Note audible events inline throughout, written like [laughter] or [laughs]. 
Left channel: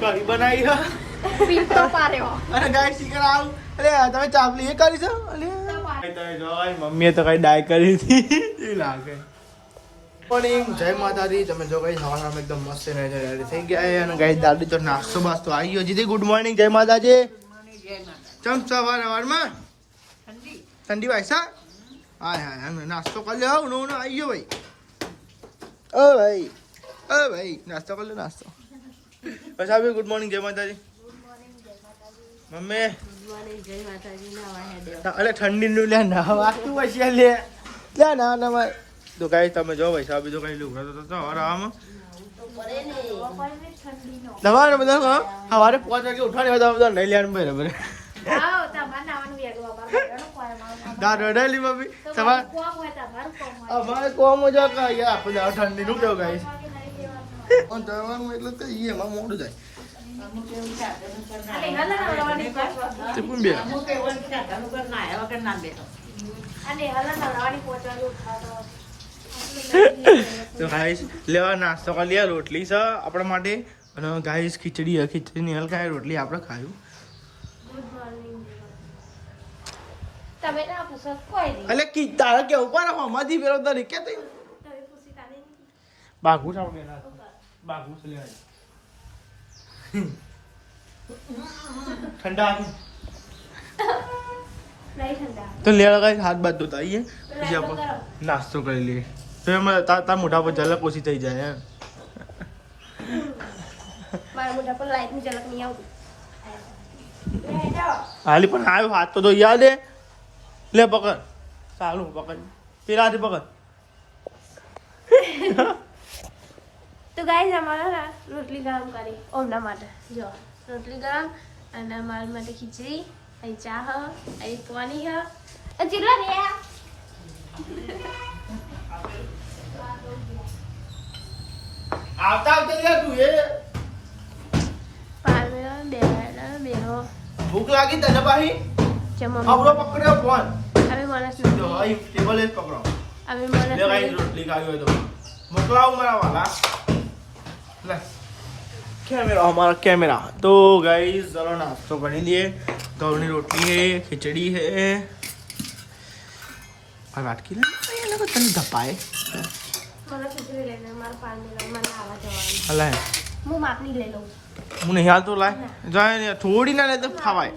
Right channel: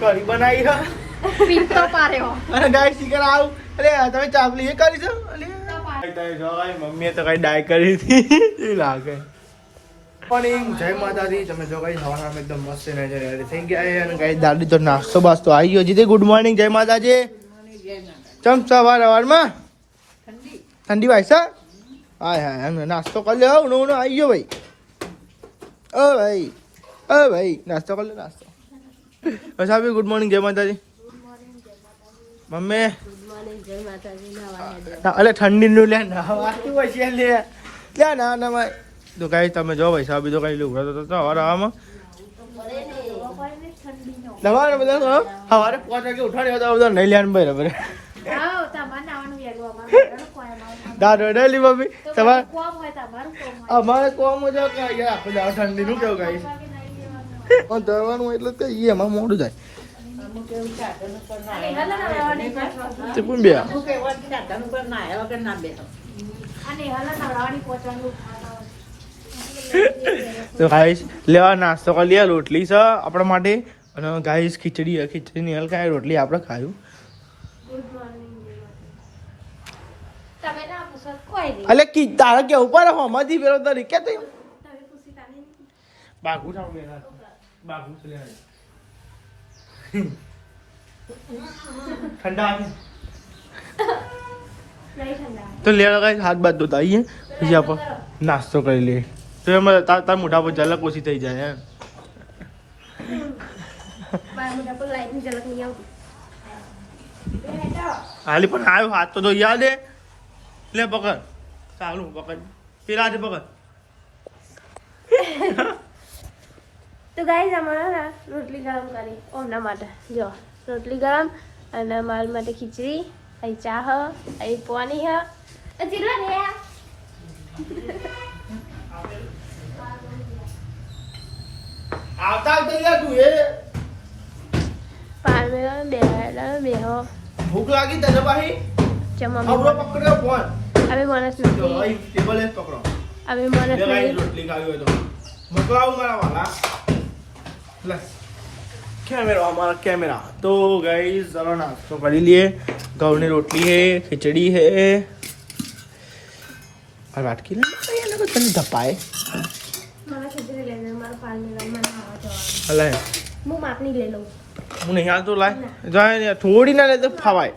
કરી બનાવી અને ગાય શીખર આવું. અરે તમે ચાપલી એ કરી છો? મમ્મીએ તો કઈ ડાય કરી હતી. એ લાગે? મોર્નિંગ જય માતાજી તમે જો કઈ હવાના એકદમ મસ્ત ને રેડી થઈ ગયા અને કઈ દાદી તો નાસ્તો બાસ્તો આવી ગયો. જીતે ગુડ મોર્નિંગ જય માતાજી. ચમ સવાર સવારમાં ઠંડી. ભાઈ સર હાય હાય એમ નાસ્તો કરી લ્યો ઉનો ઉનો આવી ગયો ભાઈ. ઓ ભાઈ ઓ ભાઈ નાસ્તો કરી લો નાસ્તો. બસ ગુડ મોર્નિંગ જય માતાજી. મમ્મી. ગુડ મોર્નિંગ જય માતાજી નવા હેડે અલે ઠંડી નું લે નવાતું પછી લે. ક્યાં ના નવા? તો કઈ તમે જો ભાઈ સાહેબ બીજો કઈ લુગડો તો તો હવારે આમ તમારે બધા હવારે પાંચ વાગે ઉઠાડ્યો તો બધો નહીં લેવાનું બરાબર કોમ આવ દાદ મમ્મી. તમારે કોમ હોય તમારું કોમ હોય. અમારે કોમ જો કે યાર આપણે દાવ ઠંડી નું કેવું કઈ પણ દવાનું એટલે તે ઈ એમાં મોડું પાછળ તે પણ બે. ગાઈસ લેવા નાસ્તો કરી લે રોટલી છે આપણા માટે. અને ગાઈસ ખીચડી છે ખીચડી ની હલકા રોટલી આપણે ખાયું. ગુડ મોર્નિંગ તમે ના પૂછો કોઈ નહીં. અલે કી તારા કે ઉપર હમાથી પેલો તરી કે તે. તમે પૂછી કાને નહીં બાગુ બાગુ ઠંડા નહીં ઠંડા તો લે ગાઈસ હાથ બાદ ધોતા આવીએ પછી આપણે નાસ્તો કરી લઈએ તો એમાં તાર તાર મોઢા પર ઝલક ઓછી થઈ જાય એમ મારા મોઢા પર લાઈટની ઝલક નહીં આવતી હાલી પણ આવ્યો હાથ તો ધોઈ યાદ લે પકડ ચાલુ પકડ પેલા હાથે પકડ તો ગાઈઝ અમારા રોટલી ગરમ કરી. ઓમના માટે. જો રોટલી ગરમ અને મારા માટે ખીચડી અહીં ચા હ અહીં પાણી હ. ચીલો રે આવતા આવતા તું એ પાર મેળો બે બે ભૂખ લાગી તને પાહી? જે પકડ્યો ફોન. હવે માણસ નથી. ટેબલ એ પકડો. હવે માણસ રોટલી ખાવી હોય તો. મોકલાવું મારા વાલા. कैमरा हमारा कैमरा तो गाइस ज़रा नाश्तो कर लिए गाँव रोटली है खिचड़ी है और वाट तने धपाए અલાય હું માપની લઈ લઉં. હું નહીં હાલ તો લાય. જાય થોડી ના લે તો ફાવાય.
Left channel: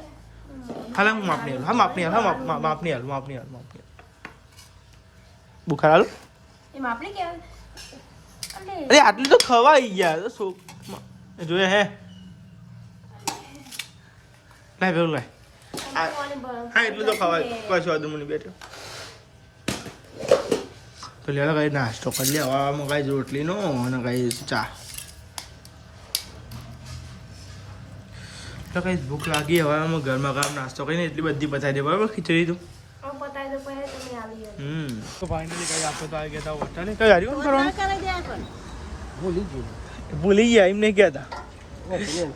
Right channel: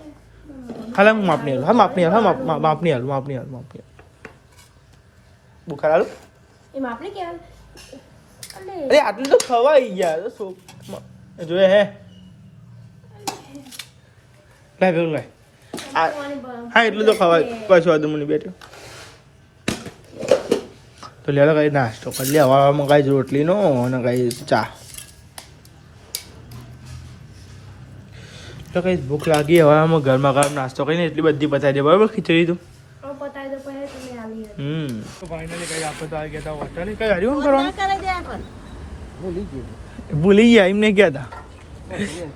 હાલ હું માપની હાલ. હા માપની હાલ હા માપની બુખાર અરે આટલું તો ખવાઈ ગયા તો જોયે હે. લાય પેલું લાય. હા એટલું તો ખવાય. પાછું આદુ મને બેઠો તો લે કઈ નાસ્તો કરી લે. હવામાં કઈ રોટલીનો અને કઈ ચા. તો કઈ ભૂખ લાગી હવામાં ગરમા ગરમ નાસ્તો કરીને એટલી બધી પતાવી દે. બરાબર ખીચડી તું? હમ. તો ફાઇનલી કઈ આપણે તો આવી ગયા હતા હોટલે. કઈ ગાડી શું કરવાનું? ભૂલી ગયા. એમને ગયા હતા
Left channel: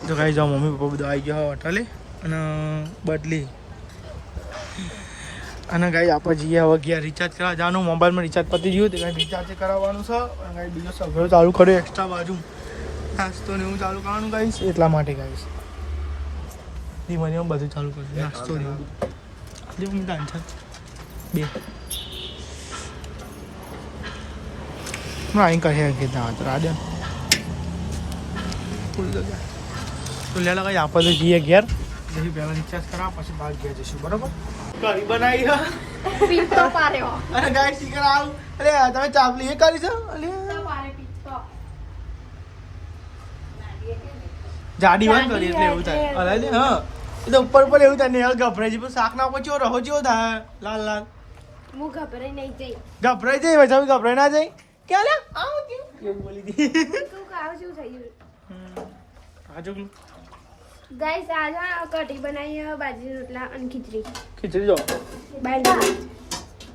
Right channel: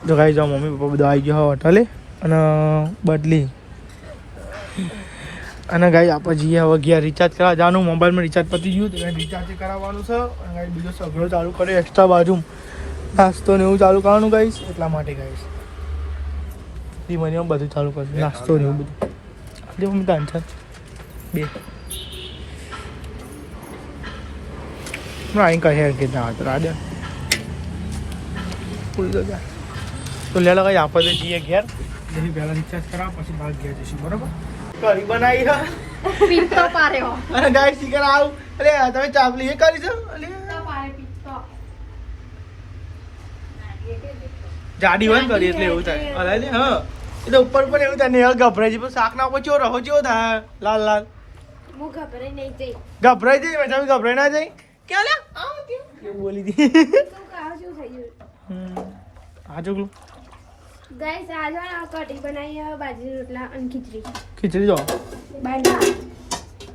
તો કઈ જાઓ મમ્મી પપ્પા બધા આવી ગયા હોટલે અને, બદલી. અને ગાઈ આપણે જઈએ હવે ગયા રિચાર્જ કરવા જવાનું. મોબાઈલમાં રિચાર્જ પતી ગયું તો રિચાર્જ કરાવવાનું છે. અને ગાઈ બીજો સગડો ચાલુ કર્યો એક્સ્ટ્રા બાજુ નાસ્તો ને એવું ચાલુ કરવાનું ગાઈશ એટલા માટે ગાઈશ ધીમે ધીમે બધું ચાલુ કરશું નાસ્તો ને એવું બધું. આપણી મમ્મી છે બે. અહીં કહે કે ના તો રાડે. ફૂલ તો લે લગાઈ આપણે તો જઈએ ઘેર. પછી પહેલા રિચાર્જ કરાવ પછી બહાર ગયા જઈશું બરોબર? કરી બનાવી અને ગાય શીખર આવું. અરે તમે ચાપલી એ કરી છો? અરે જાડી હોય કરી એટલે એવું થાય. અરે લે હા. એ તો ઉપર ઉપર એવું થાય ને ગભરાઈ જાય. શાક ના ઉપર ચેવો રહો ચો થાય? લાલ લાલ. હું ગભરાઈ નહીં જઈ. ગભરાઈ જાય પછી ગભરાઈ ના જાય ક્યાં લે? આવું એવું બોલી દી? તું કાવ શું થઈ ગયું? આ જોગલું ગાઈસ આજે કઢી બનાવી બાજરી રોટલા અને ખીચડી. ખીચડી જો. બાંધા.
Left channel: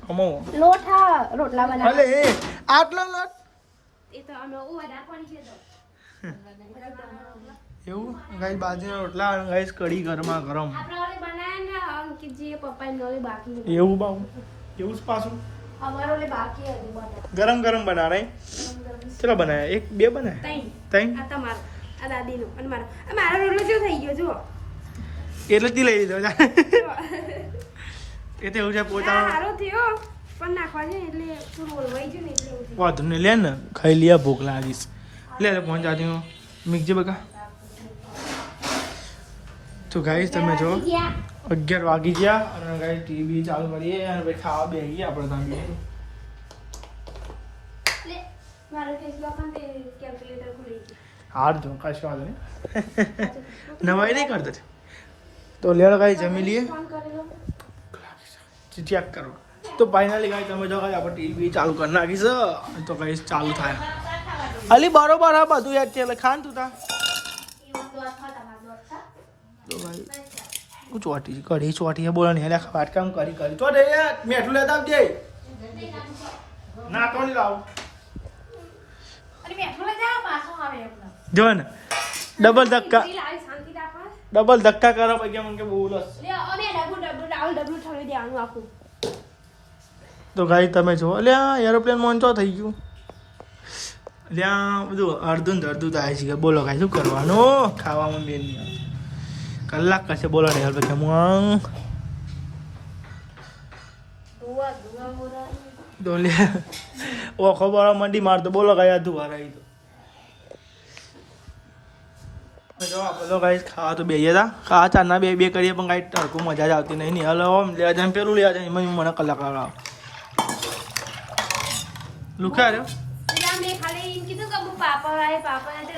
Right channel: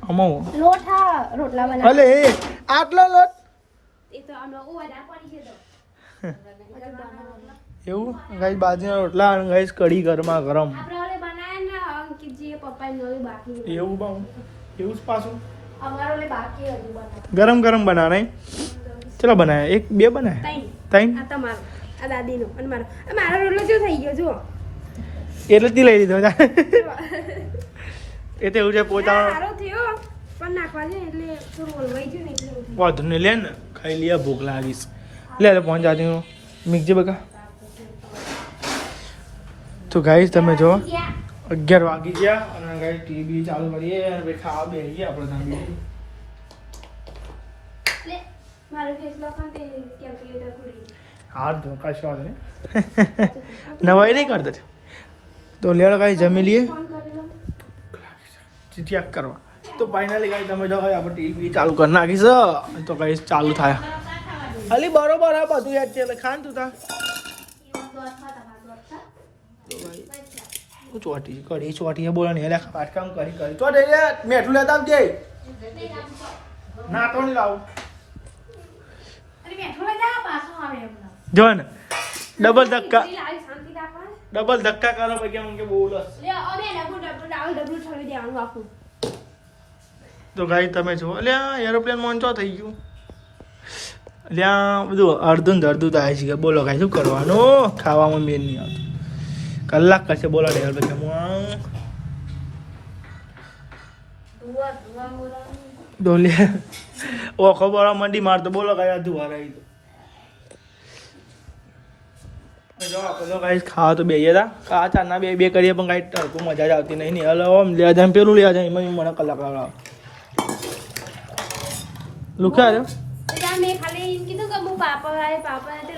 અમો લોઠા રોટલા બનાવ. અલે એ આટલો લોટ? એ તો અમે ઓવા પાણી છે તો. એવું? ગાઈસ બાજરીના રોટલા અને ગાઈસ કઢી ગરમા ગરમ. આપણે ઓલે બનાયા ને અંકિતજી પપ્પાએ નવી બાકી એવું બાઉ એવું જ પાછું? ગરમ ગરમ બનાવે ચલો બનાવે. એક બે બનાવે? તઈ આ તમારો. આ દાદીનો અને મારો. આ મારો રોટલો કેવો થઈ ગયો જુઓ. એટલે જ લઈ લીધો. જા. એ તો એવું છે પોતાનો સારો થયો. પણ નાખવા છે એટલે થોડું ઓલવાઈ ગયું ને એટલે. વાંધો નહીં લે ને. ખાઈ લે ભૂખ લાગીશ. લે લે પહોંચ જાતી હું મીકજે બકા તો ગાઈસ તમે જો. અગિયાર વાગી ગયા અને ગાઈ ટીવી ચાલુ કરીએ અને પછી ખાવા ગયા આપણે તમે લે મારો ફેસ લોક અને તે કેલ્ક્યુલેટર ખુલી ગયું. હાર ધોકાશ છો ને નવાઈ નહીં કરતા તો? લેલો ગાઈ જમી લઈએ. ચેક કરવા. તો ફાઇનલી કાંઈ તમે જો ગાઈ આપણે ટીવી ચાલુ કરી નાખીશ તો ગાઈ ચાલુ થાય. અલી બરોબર હા બધું યાદ છે. એટલે ખાન તું તા. તો ભાઈ ચોટી કરી ચોટી બોલો ને એટલે વાટકામ કરી કરી તો દે મેઠું લેતા દે ના તો નહીં લાવું. જો ને ડબલ ધક્કા. ડબલ ધક્કા કરો પછી મને કે બોલો લે, અને ડબલું ડબલું ડાઉન ડબલું છોડી દેવાનું આખું. તો ગાઈ તમે જો અલ્યા એરોપ્લેન મોંચો થઈ ગયું અલ્યા બધું અડધું ને અડધું થાય છે કે બોલો કાંઈ શું કરવાનું ખાવામાં મેન નહીં આવતું. કલાક કશે બોલો ને યાર પછી હું. ડોલે ઓ ખબર મંડી મારતો બોલો કઈ અધું હારાઈ તો ખાવા તો બેહીએ હતા ખાવા ચારના બે બે કરીએ પણ કાંઈ ટરકું મજા જ આવતી નહીં નહીં હલો આમ લે જાય પેલું લે જાય મને કલાક લાગાવ લુખ્યા હતી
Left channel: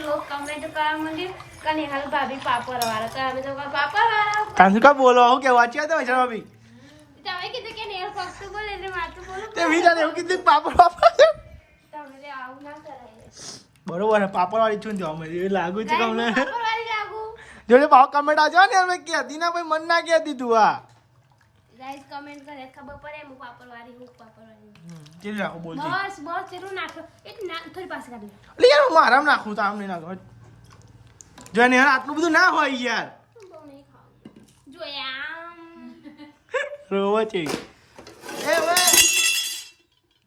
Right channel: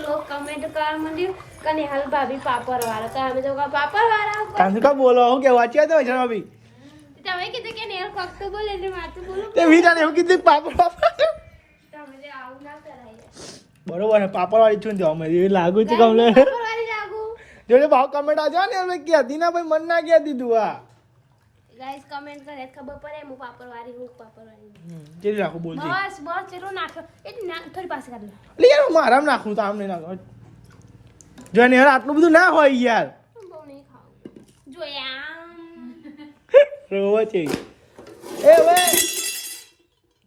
લોક કમેન્ટ કરવા માંડ્યું. કે નિહાલ ભાભી પાપડ વાળા. કે અમે તો પાપડ વાળા? તાંસુ કા બોલો? હું કે વાંચ્યા તો છે ભાભી તમે કીધું કે નિહાલ ફક્ત બોલે એટલે માથું બોલો તે વીરાને એવું કીધું પાપડ પાપડ તમે આવું ના કરાય. બરોબર પાપડ વાળી છું ને અમે લાગુ છે કમલે પાપડ વાળી લાગુ. જોડે ભાવ કમેન્ટ આજો ને અમે કહેતી ના ભાઈ મન ના કે તું આ? ગાઈસ કમેન્ટ કરે ખબર પડે હું પાપડ વાળી હું પાપડ વાળી કેવી રાખું બોલતી બસ બસ ચેટલું નાખો. એક ના થોડી પાસે કાઢ લે યાર હું મારામ નાખું તો આમ નહીં નાખો. જો ને યાર આટલું બધું ના હોય યાર. જો આમ [laughs] રોવો છે. એ વે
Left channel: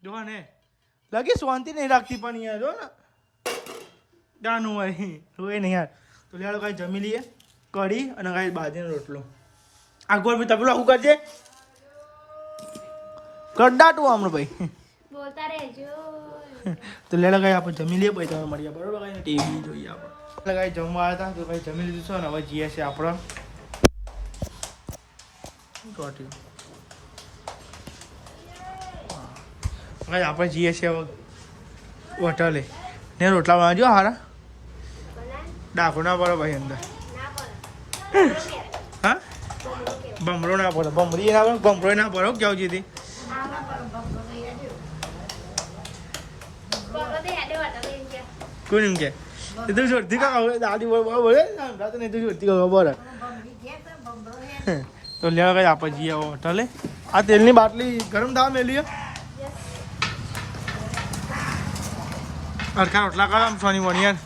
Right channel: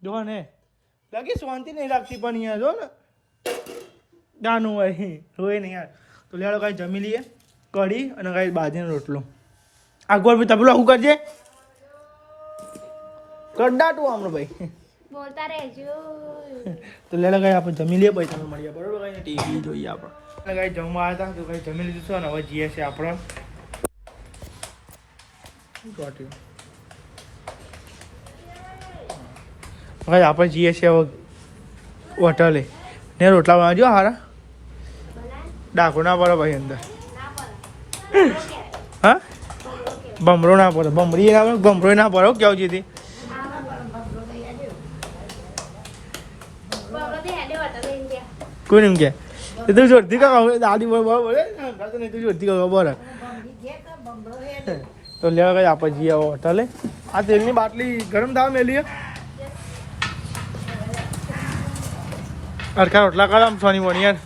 જો ને લાગે શાંતિ નહીં રાખતી પણ યાર જો ને. નાનું હોય રોય નહીં યાર. તો લેડો કાંઈ જમી લઈએ કઢી અને કાંઈ બાજરીનો રોટલો. આગળ બી તબલો શું કરજે. કડાટું હમણાં ભાઈ. બોલતા રહેજો. તો લેડો કાંઈ આપણે જમી લઈએ પછી તમે મળીએ. બરોબર કઈ ટીવી જોઈએ આપણે. કઈ જમવા હતા તો કઈ જમી લીધું છે ને હવે જઈએ છે આપણે. ભાઈ આપણે જઈએ છીએ હવે હોટલે ને રોટલા બનાવજો હારા? ડાકો ના પડે ભાઈ અંદર. [laughs] ભમરો ના પડો. બમરી ગમરો ના પડો કેવું તે કોઈ નહીં કે? એ તું જોરથી કામ દાદી બરાબર બોલે નહીં તું જોરથી કામ બોલે તો લેવા કઈ આપણે જઈએ હોટલે. આ તેલની બાટલી ગરમ થવા મેલી અડખા રોટલા કરો આમ સોની મોની યાર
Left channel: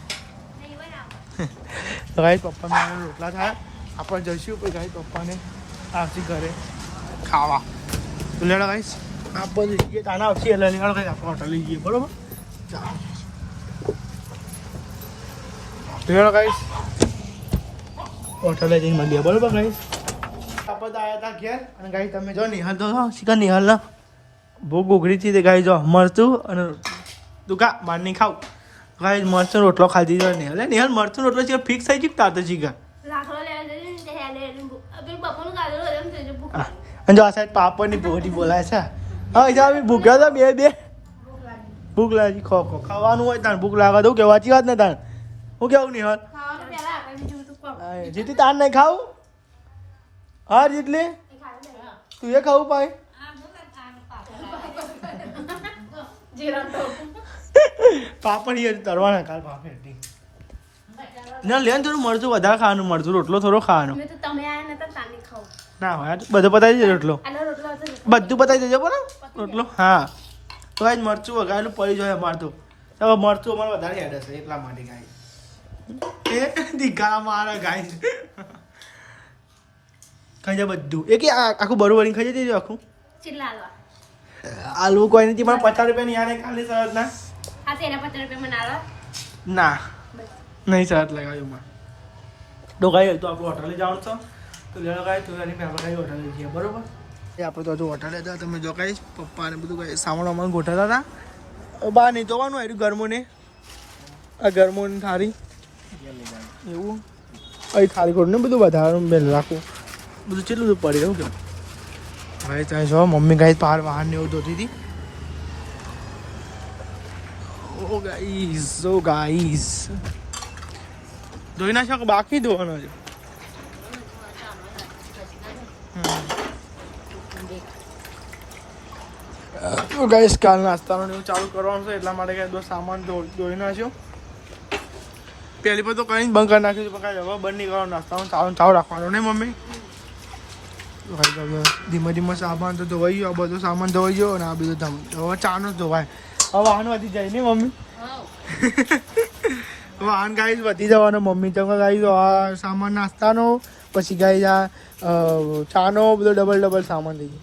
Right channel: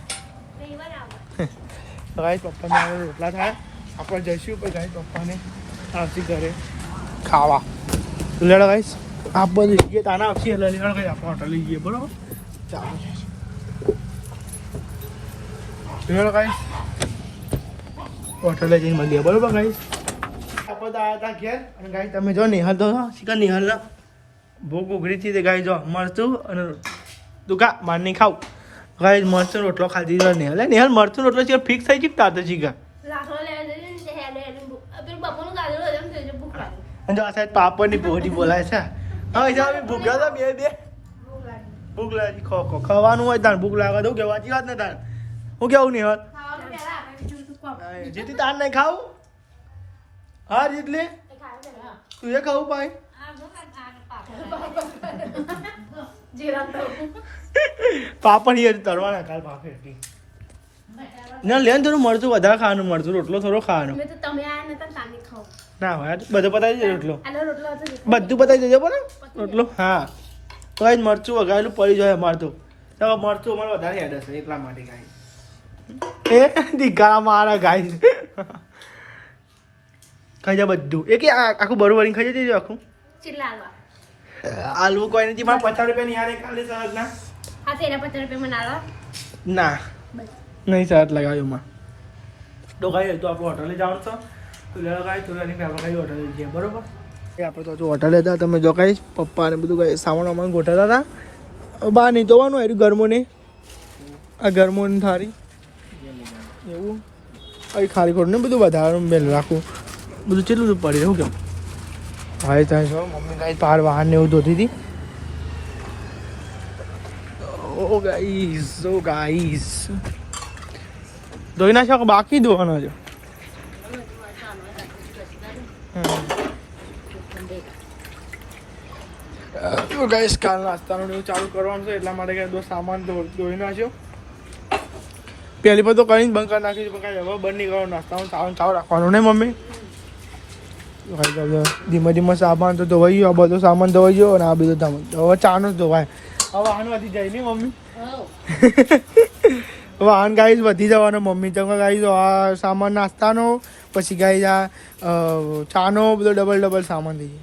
તો ગાઈ પપ્પા રોટલા થાય આપણે જઈશું પછી ગાઈ પપ્પાને. આવતી ઘરે ખાવા. તો લેડો આપ બધું જઈએ તાના આવશે એટલે લેડો ગાઈ આપણે હોટલ જઈએ બરાબર? ચાલો. તો લેડો ગાઈસ. હોટલે જઈને મળીએ બરાબર ગાઈસ? આપણે તો આવ્યા હતા ઘેર અને ગાઈ તમે જો નિહાલ તો શીખા નિહાલના ભૂખ ઉઘડી હતી તે ગાઈ જો મરતું અને તું કા નહીં ખાવ ગાઈ મરચું રોટલો ખાધી નિહાલ. નિહાલ મરચું રોટલો છે ફિક્સ થઈ ગયું તાતે શીખા અને જો આ સાઈડ પાપડની પોટી બોલાય છે હા જા આવી ભૂખ્યા હતા બે બે ભૂખ લાગે. ખો ખો ખાવાનું હોય તાણ ભૂખ લાગે તો કે વાંચી વાત ને તાણ હું કેવું નહીં ખાવાનું પહેલા આપે, બીજું બધું ખાવ. હા, જીતી તાણ નહીં ખાવું હા જીતલી એ. તું એ ખાવું ખાવું. પાપડ યાર તરવાના કાલ પાપડ ના લેન થોડું મળતું વધારે ખાવાનું મળતું રોટલો થોડો ખાવાનો તમે આયા નતા તાની ખાવ ના હોય બધું પતાવી દેજો રોટલો. બધું પતાવી દેજો બરાબર રોટલો હા. તો આજ મરચું વગાડેલું પડી જાય અમારે તો. ચાલો મરચું અમારે વધારે હેડ હશે એટલા માટે ગાય. એ દીકારા મારા ગાય. ખાઈ જાય બધું. એ કે આખું બરું વળીને ખાઈ જજો આખું. આલુ કોઈ નથી મારે પચાસ રૂપિયા ની યાર કાલે સરસ ના. હા તો પચાસ રૂપિયા ના નહીં સરસ લગાવ્યું માં તો ગાઈ તો આપણું હોટલે જવાનું છો? તો લેવા કઈ બરાબર? એ આપણે તો હોટલે હતા, તમે જો કાંઈ, પપ્પા ને બધું કાંઈ સામાન વામાન હતા. બહાર જોવાનું એનું ગરમોને આ ગરમોને થારી એવું. અહીં ખાલી ખોટું બધું વધારવાનું મેં રાખું. બધું કેટલું પડી, હું કેમ? ભાઈ ત્યાં છો મમ્મી કાંઈ પાર વાહન ને એવું ધોતી હતી. ઓ, ગાઈસ ઓ, ગાઈસ. ધોઈ ના શકો, બાકી ધોવાનો છે. તો ગાઈસ કાલ નાસ્તાનું એવું ચાલુ કરવાનું છે એટલા માટે કાંઈ બધો સામાન ધોઈ નાખ્યો. પહેલી પર તો કઈ બંધ કરી નાખ્યું પણ કાંઈ હવે બંધ નહીં કરવાનું. નાસ્તાનું ચાલુ ચાલુ રાખવાનું ને મમ્મી? ધીમે ધીમે સામાન તો ધોવાઈ ગયો આ બધો સામાન ધોવાઈ ગયો અને આ બધો હવે ચાનો જ ધોવાય. હવે વાહન વધી જાય ને મમ્મી? [laughs] વાહન ગાડી વધી જવાનું મમ્મી તો ગાડી સામાન નાસ્તાનો. પછી ગાડી આ ચાનો બધો ડબલ ડબલ સામાન લઈએ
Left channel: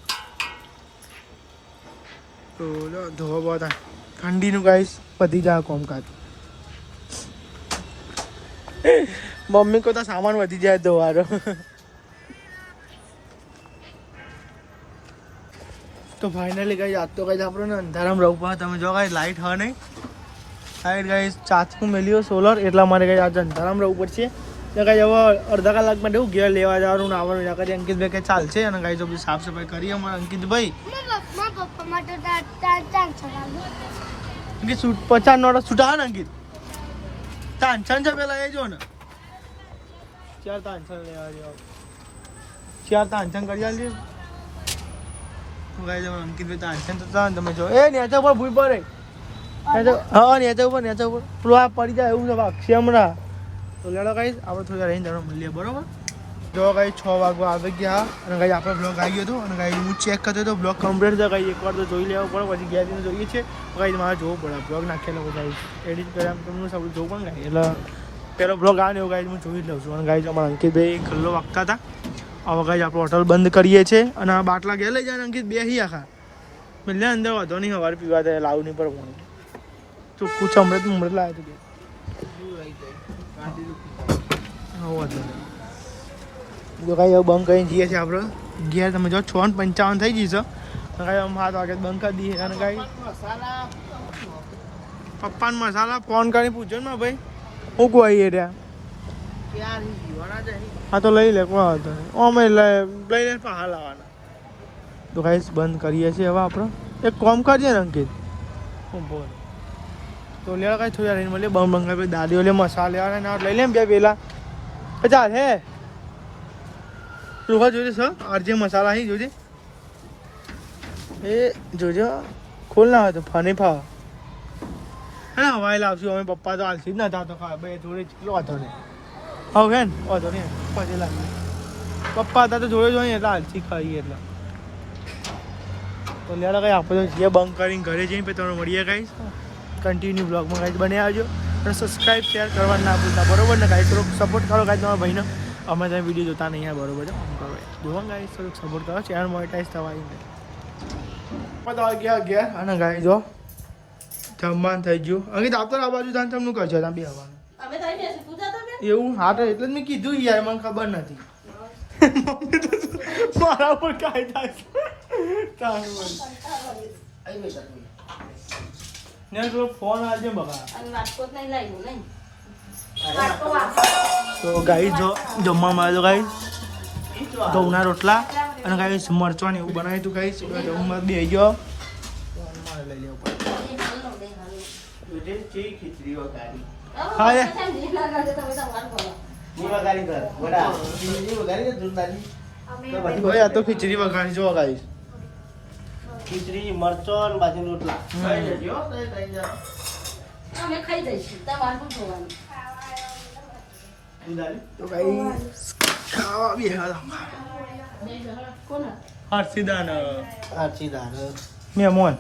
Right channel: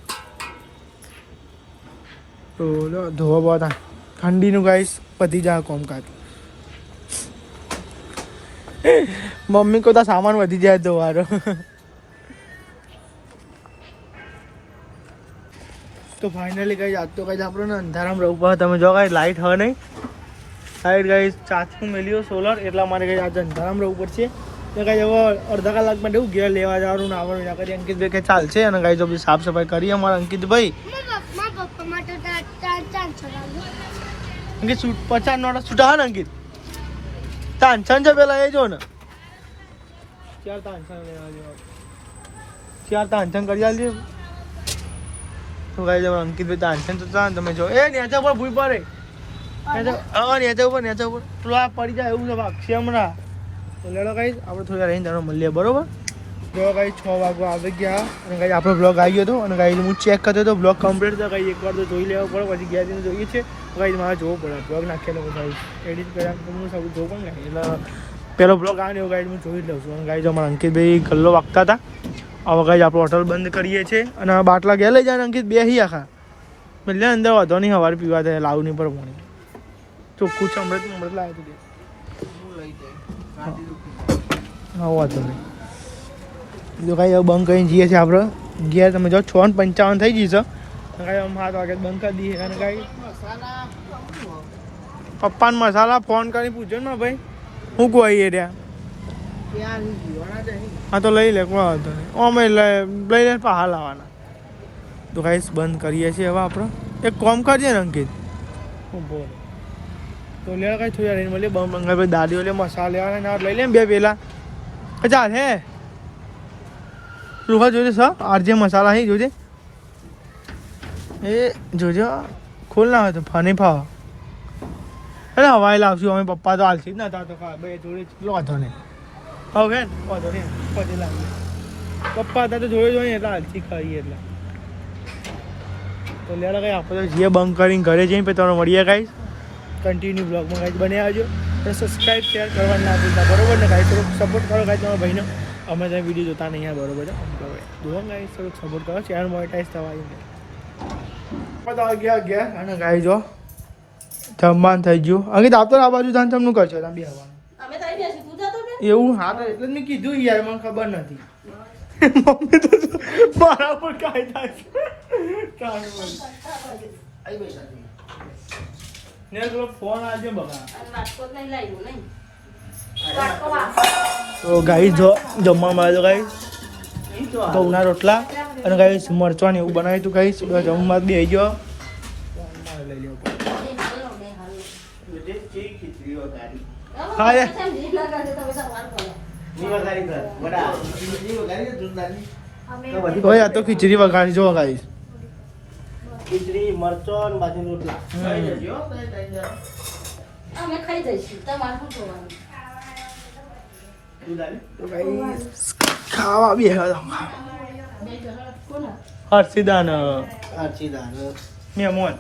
તો ધોવા બહુ થાય ઠંડીનું ગાઈસ વધી જાય કોમકાજ. મમ્મી કોતા સામાન વધી જાય ધોવાનો તો ફાઇનલી કઈ આજ તો કઈ આપણે ને અંધારામાં રહું પડે. તમે જો કઈ લાઇટ હ નહીં. લાઇટ કઈ ચાચકું મેલ્યો સોલર એટલા માટે કઈ આજે અંધારામાં રહું પડશે. તો કઈ હવે અડધા કલાક માટે એવું ઘેર લેવા જવાનું આવવાનું ના કરી અંકિતભાઈ કઈ ચાલશે અને કઈ જો બધી સાફ સફાઈ કરી અમારા અંકિતભાઈ. અંકિત સુ- પચાસ નો છૂટા ને અંકિત. તાંછન છે પેલા એ જો ને. ચાર તાંછન લેવા જેવા ચાર તાંછન કરી આલજે તો કઈ તમે અંકિતભાઈ તાનછન તો તાન તમે જો એ નેચા ઉપર ભૂઈ પડે. હા નેચા ઉપર નેચા ઉપર. પેલું આ પડી જાય એવું ને વાગશે હમણાં. તો લેડો કઈ આપણે થોડી રહીને જાણો મળીએ, બરોબર? જો ગાઈ છ વાગવા આવી ગયા. અને ગાઈ આપણો બ્લોગ આવી ગયો હતો. અને ગાઈ હું ચેક કરતો હતો બ્લોગ કમ્પ્લીટ થયો. કઈ એકવાર તો જોઈ લેવો પડે, પછી ગયા જઈને જોઈએ છે. ગાઈ મારે જોવું પડે. બ્લોગ નાખેલો પછી એડિટ કર્યા તમને સૌ જોવું પણ ને. એટલે પેલો બ્લોગ આવે ને એવું ગાઈડ હું જોઈ લઉં છું. અને ગાઈડ અમે અંકિતભાઈ ગલ્લો વાગતા હતા. હવે ગાઈડ આપણે હોટલ બંધ કરીએ છીએ. અને બાટલા ગયા લઈ જાય અંકિત બે હી આખા. એટલે અંદર વાંધો નહીં સવારે પીવા દે, લાવું નહીં પર ચોખ્ખું અમૃત અમૃત લાવ્યો હતું હા હા જો કાંઈ બંધ કરીને જઈએ છીએ આપણે. ઘેર તમે જો છ ને પંચાવન થઈ તો કાંઈ આમ સાત વાગે બંધ કરી દઈએ. અને કાંઈ પપ્પાને મસાલા ફોન કરીને પૂછો ને ભાઈ. હું કોઈ રહ્યા હા તો લઈ લે વાંધો નહીં. અમે લઈ લે પણ હાલ આવવાના તો કાંઈ બંધ કરીએ છીએ હવે આપણે. એક કોમ કરજે ને અંકિત. હું બોલો? તો લેવા કાંઈ થોડી રહીને મળીએ. બંધ બંધ કરી દાદીઓ લે મસાલા લેવાના લઈ લે બે પેલા એ હે. તું જોજે સા આરજે મસાલા હે જોજે. એ જોજો ખોલ ના હોય તો ફની ફાવા. અરે હવાઈ લાવશું અમે પપ્પા તો હાલશે જ નતા તો બે જોડે કેટલો વાંધો નહીં. હવે હે ને વાંધો નહીં પછી લાવી પપ્પા હતા તો જોડે જોઈએ એટલે હાલથી ખાઈએ એટલે. તો લેલા કઈ આપણે જઈએ બંધ કરીને ઘરે જઈને પછી તમને મળીએ કાંઈ કન્ટિન્યુ બ્લોગમાં કાંઈ બને આવજો. અને સબસ્ક્રાઈબ શેર કરવાનું ના ભૂલતા. બરોબર ને કાંઈ થોડુંક સપોર્ટ કરો કાંઈ તમારા ભાઈને. અમે ત્યાં વીડિયો જોતા નહીં આ બરોબર છે. આમ કરો. જોવો ને ગાઈસ થોડુંક સપોર્ટ કરો. ચેનલ મોનિટાઈઝ થવા આવી બધા ગયા ગયા અને ગાઈ જો જમવાનું થઈ ગયું. અંકિત આપતો આ બાજુ ધાન તમનું કરશે તમે બે આવવાનું એવું? હા એટલે જ મેં કીધું યાર મને ખબર નથી. મમ્મી તો મારા પર બોલ. ને પેલો ફોન આજે બગા. તો ગાઈ જો જમવામાં આવ્યો ગાઈ ઘઉંના રોટલા અને ગાઈ મરચા એવું બનાવ્યું હતું ગાઈ જમવામાં બે ગયો. મારે લઈ લેવો હા ખીચડી વગાડી જો ગાઈ ખીચડી મરચો અને બાજરી રોટલા. તો ગાઈ ખાવા બી હર્ષિદાન. આછી દાળ મેમોન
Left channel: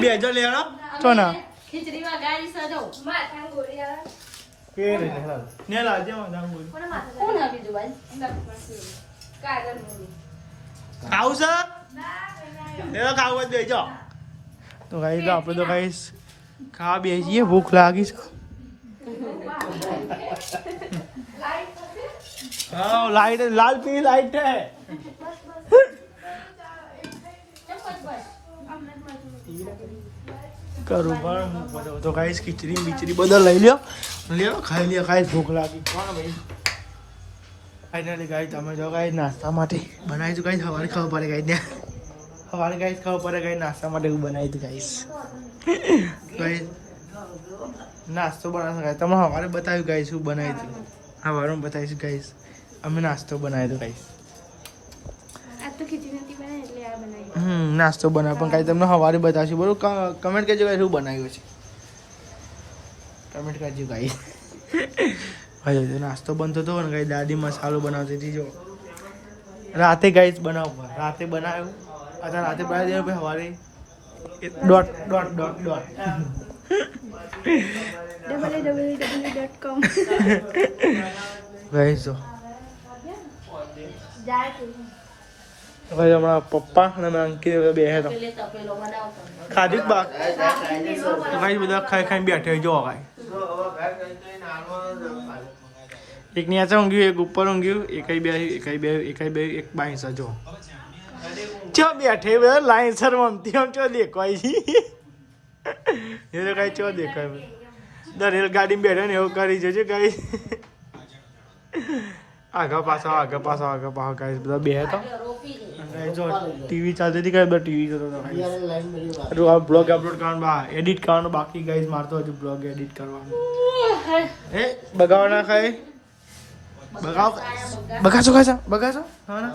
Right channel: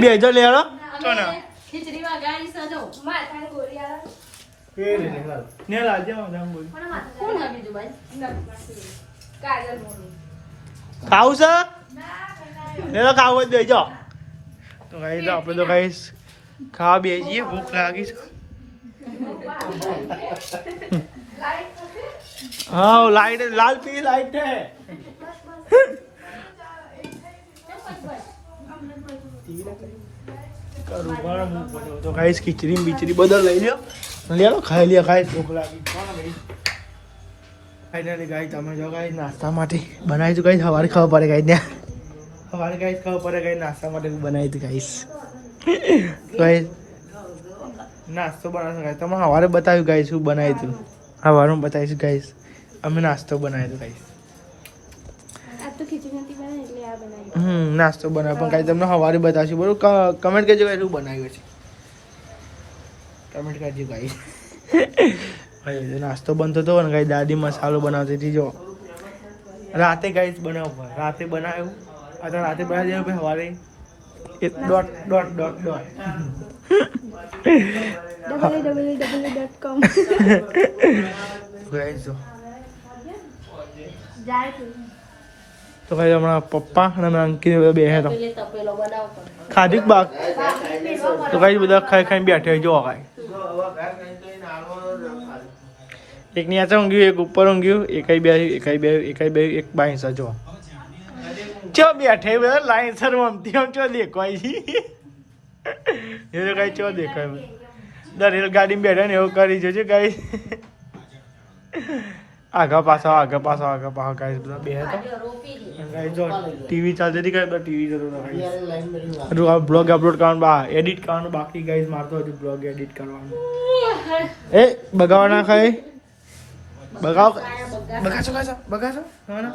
બે જો લેડો તો ના ખીચડી વગાડી સજો માથા ગોળી આવે. કેવી રીતે? હાલ. ને લાજે કોણ ના ભાઈ? કાગળ ખાવું છે? ને તો ખાવું જ દેજો. તો તો આપણે તો ગાઈ ખાવા બે જઈએ ભૂખ લાગી છે. હા લાઈટ લાલ પીળી લાઈટ છે કરું પણ તો ખાઈશ ખીચડી બીચડી બધા લઈ લ્યો. લે લો ખાઈ લ્યો ખાઈશ ભૂખ લાગી. ભાઈ? ફાઇનલી ગાઈ તમે જો ગાઈ નાસ્તા માટે બનાવીશું ગાઈ સવારે ખબર પડે ગાઈ ને સવારે ગાઈશ ખબર પડે ગાઈ નાસ્તા માટે બનાવી હતી ગાઈશ ગાઈસ નાસ્તો બનાવશો ગાઈ તમે સવારે બતાવ્યું ગાઈશ શું બનાવ્યું હતું. સવારે હું બતાવીશું ગાઈશ અમે નાસ્તો બનાવ્યો હતો ગાઈશ આ તો ખીચડી નથી બનાવી એટલે આ બનાવી. હમ નાસ્તો બનાવ્યો. પણ કાંઈ તમને સવારે બતાવશું. બરોબર કમેન્ટ કરજો ગાઈ શું બનાવ્યું છે કમેન્ટ કરજો ગાઈ હવે નાસ્તો બનતો હતો ને ગાઈ દાદી મસાલો બનાવતી હતી જો. રાતે ગાઈ બનાવવું. રાતે બનાવ્યું. અત્યારે રાતે બનાવી દેવું ભાઈ સવારે ડોટ ડોટ દોઢ દોઢ double double double dot com guys જો. તો ભાઈ હમણાં પપ્પા અને અમે અંકિત બધા બેસે તો ખાધી બાક? તો કઈ બધા ખાઈ ખાઈ બેઠે જો કાંઈ એક નીચે ઊંઘ્યું એક ઉપર ઊંઘ્યું એકાઈ બે એકાઈ બે એકાઈ બે એક બાઈસા જો. ચો બેઠે બધા લાઈનસર મમતી આમ ચો દેખાય. એ તો કઈ ચો દેખાય? દરેક ગાડીમાં બેઠા ને એવું કરી જોજો કઈ. આગા પાછા આગા પાછા આગા પાછા ગાઈસ બધા બે તો ગાઈસ જો ટીવી ચાલતી હતી કઈ ટીવી જોતો હતો. Guys line. બ્લોગ અપલોડ કરવાનું, બા એડિટ કરવાનું, બાકી ગાઈસ મારતો હજુ બ્લોગ એડિટ કરવાનું. એ, બગાવા ના ખાય. બગાવ બગાસો ખાશો બગાસો હા ના.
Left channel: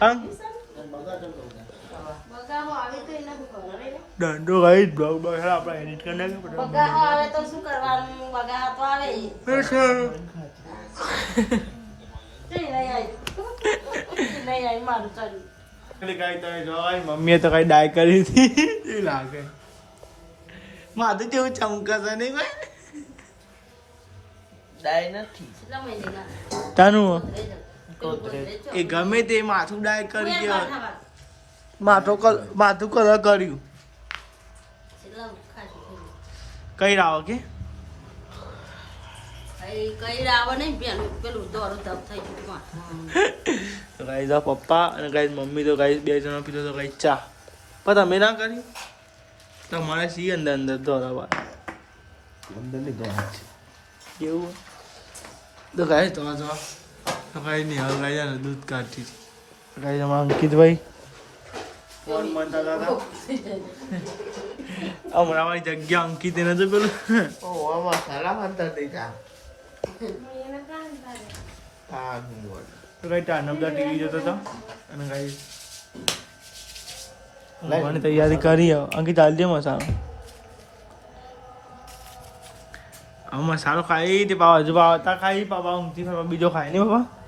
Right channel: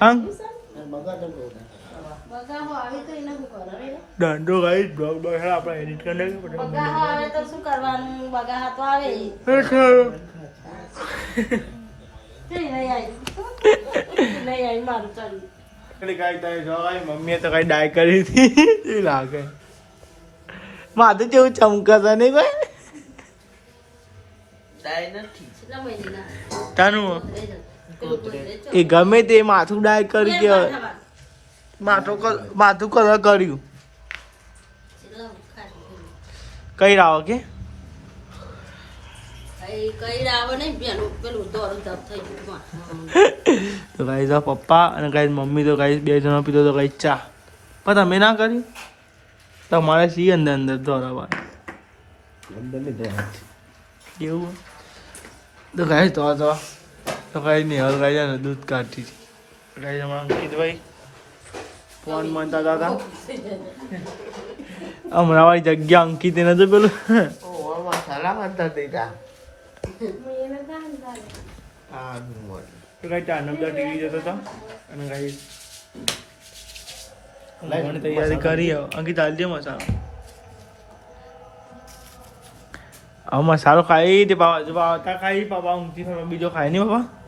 આમ બગાડો તો. બગાહો આવે તો એને શું કરો રે દંડો ગાઈસ બ્લોગ બગાડ આપણે એડિટ કરી નાખ્યું બગાહો આવે તો શું કરવાનું બગાહા તો આવે નહીં આવી નહીં આવી મારું ચડ્યું એટલે કાંઈ તારે જો કાંઈ મમ્મીએ તો કાંઈ ડાય કરી હતી એ લાગે માથું જેવું ચમકાતા નહીં કોઈ કેટલા મહિના તાનું એ ગમે તે માથું ડાય કરી કે માથું કલ માથું કલર કર્યું? કઈ રાવ કે? કઈ કઈ નહીં પપ્પા અને ગાઈ મમ્મી તો ગાઈ બે જણા પીધો તો ગાઈ ચા. પણ તમે ના કર્યું? તમારે સી અંદર અંદર દોરવા? એવું? તો ગાઈ તો તો તો ગાઈ નિહાલ ગાઈ ને દૂધ કાઢતી હતી ગાઈ અમારા અંકિતભાઈ ફોન મનતા દાદા હમણાં વાળી જગ્યા અંકિત એને તો પેલું આમાં. તો કઈ ટાનમદા ટીવી જોતો હતો અને કઈ તૈયારી કરી હવે. અંકિત ચાલજે મસાલો હવે મસાલો ખાઈ તે પાવા હજુ પાવતા ખાઈ પાપા ઊંઘથી બીજો ખાય નહીં બાપા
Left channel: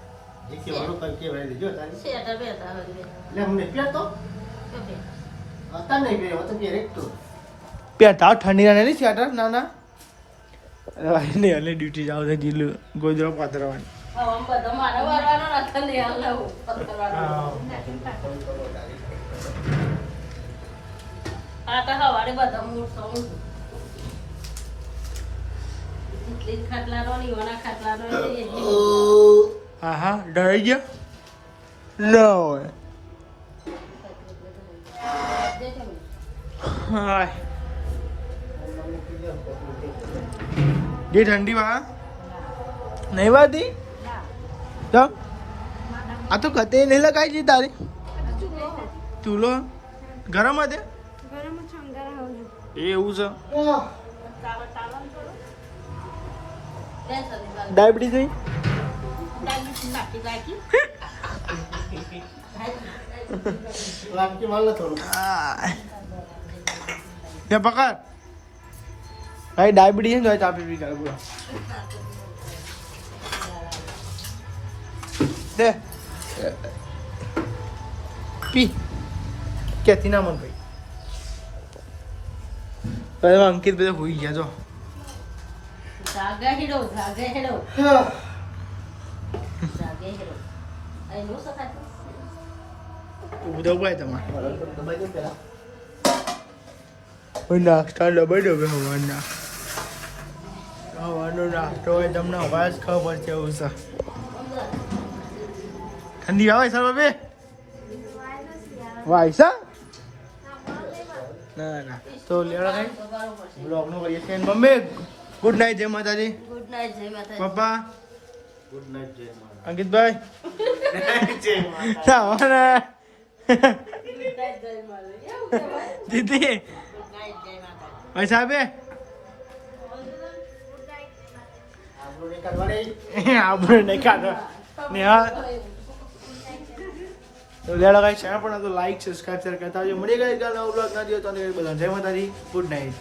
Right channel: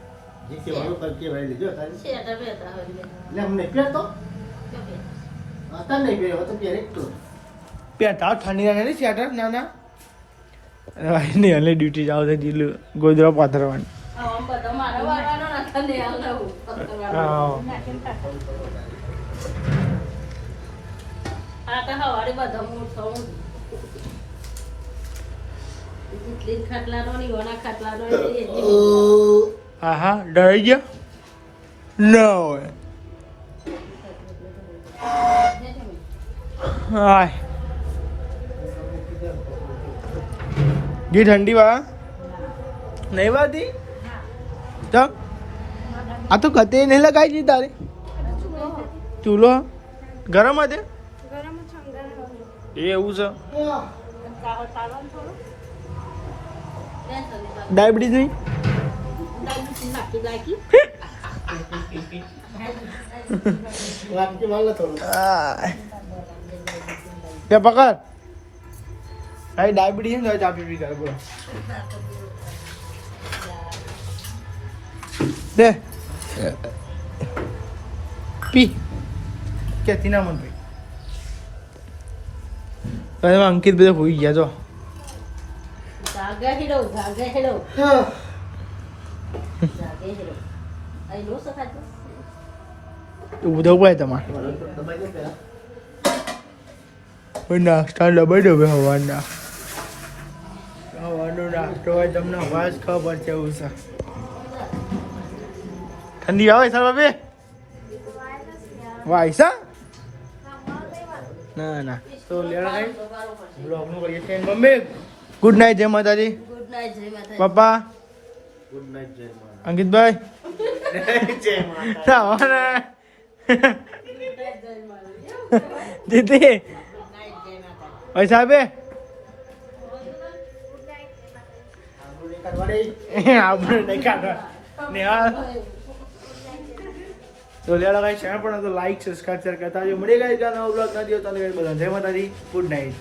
જે કહેવાનું કર કહેવાય. એટલે અમને પહેરતો? અત્યારે નહીં પહેર્યો, તો પહેરે જ પહેરતા ઠંડી ના નહીં સ્વેટર ના ના. નહીં એટલે ડ્યુટી જાવ તો ગોદરા પાથરવાની. આ હવારે બધા જ ખાટલાનો ને ખાટલાનો એટલી હા હા ડરાઈ ગયા ના હા જી ઠંડી વા નહીં વાતી આ તો કતે નહીં લગાઈ જી તારે ચૂલો ગરમ હતી એ એવું છે ડાયાબિટીસ નહીં નાખી નાખી વાટકી વાળ ન થોડું. તે પકડ ભાઈ ડાયાબિટીસ ને ચા પીવી કરે બોલો. દે. પી. ક્યાંથી ના મન ભાઈ તો અંકિત બધા હોઈ ગયા જો. જાગે હેડો જાગે હેડો. જાગે હેડો અહીં નો સખાતો ઉધવ પડે તમારે દબાઈ દે પહેલા. નાસ્તા ડબાઈ ડબે હવાના હવાનું નાસ્તો હોય તમને અવાજ ખબર છે એવું છે ઠંડી આવે સર બાબે વાયસા ના ના તો લેવા કઈ બ્લોગનું કરીએ છીએ મમ્મી ગુડ નાઇટ જય માતાજી ગુડ નાઇટ જય માતા પપ્પા ગુડ નાઇટ જય માતા અંકિતભાઈ દીદી. ભાઈ સાહેબે આપણું નહીં કાઢવા તો લેડો કઈ ચેનલ પણ તો લાઈક સબસ્ક્રાઇબ શેર કરતા આવજો. મળી ગઈ કાલ નવો બ્લોગ ના દિયો તો બધા જય માતાજી. ગુડ નાઇટ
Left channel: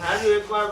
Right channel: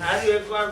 સારું એકવાર